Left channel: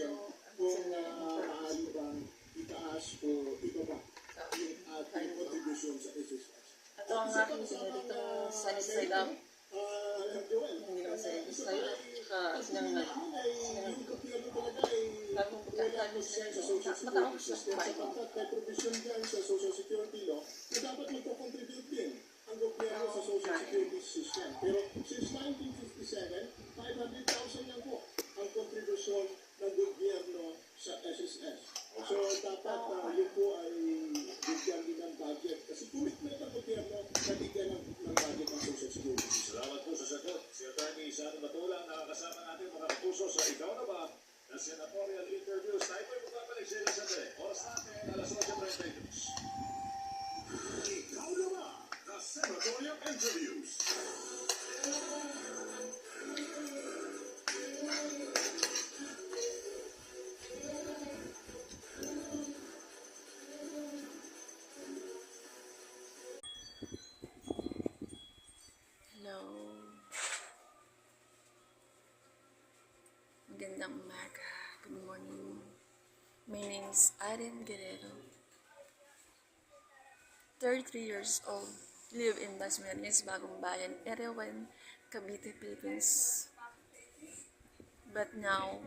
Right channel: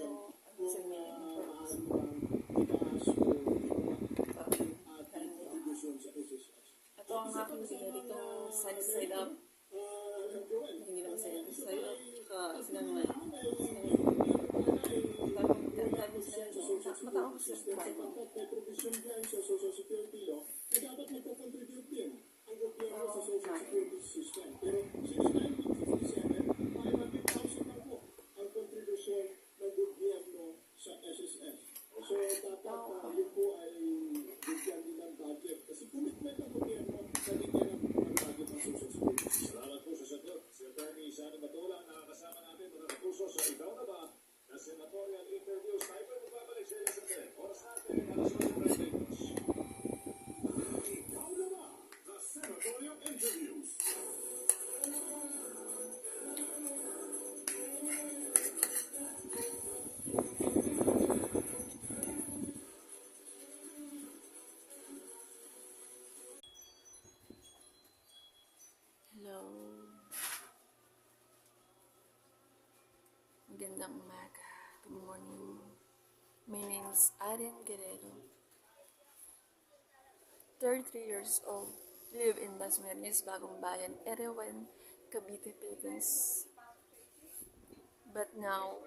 yung almusal ngayon. Ito ang aking pinaritong sunny side up. Hindi naman sa side up. Tsaka sinangay. Bagong pagkakatabi sila nyo. Matawag siya sa bahay. May provision dyan sa Social Security Law na dapat magpo-contribute din ang gobyerno sa Social Security System. Pero since 1957, 500,000 lang po ang kontribusyon ng gobyerno sa SSS. So dapat yun po ay bigyan din ng budget. Kasi commitment ng gobyerno na bigyan ng budget ng Social Security System. Salamat po sa sagot. Si Atty. Sano Matulang, nakakasama natin mga kapuso sa Ikaw na Ba? Na senatorial interviews. Tayo po'y magbabalik sa ilang sandali. Oras natin, alas 9:30. Ikaw na Ba? The senatorial interviews. Hello. Magandang umaga. Good morning. My name is Arian Guerrero. 33 years old. Live in Dasmariñas, Bagong Bayan, Area 1, Cavite, Philippines. But now,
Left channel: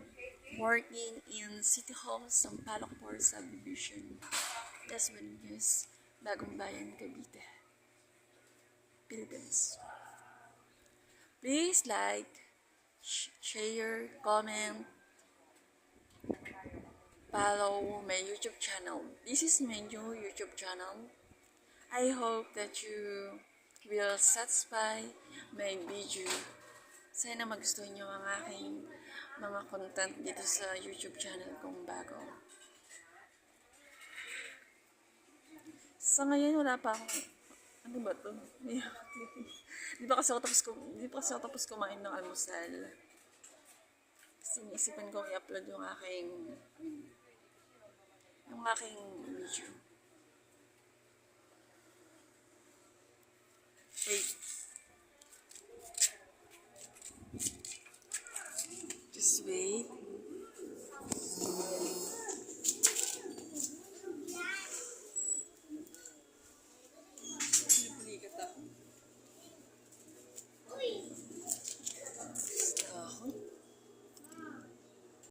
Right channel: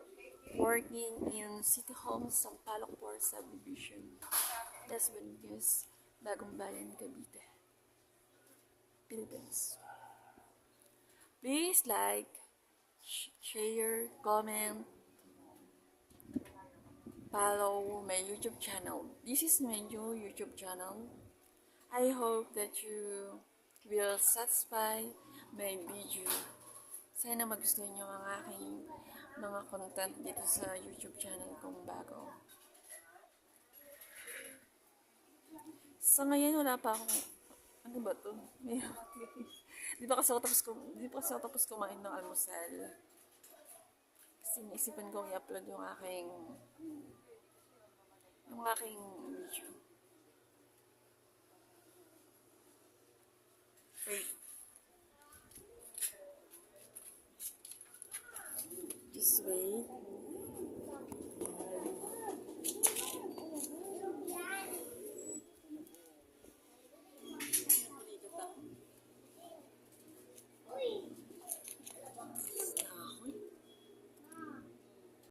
working in City Hall, Sampaloc Poor Subdivision. Dasmariñas, Bagong Bayan, Cavite, Philippines. Please like, share, comment, follow my YouTube channel. This is my new YouTube channel. I hope that you will satisfy my video. Sana magustuhan nyo ang aking mga content dito sa YouTube channel kong bago. Sa ngayon wala pa akong, ano ba to? Di pa kasi ako tapos kumain ng almusal. Kasi naisipan kong i-upload yung aking video.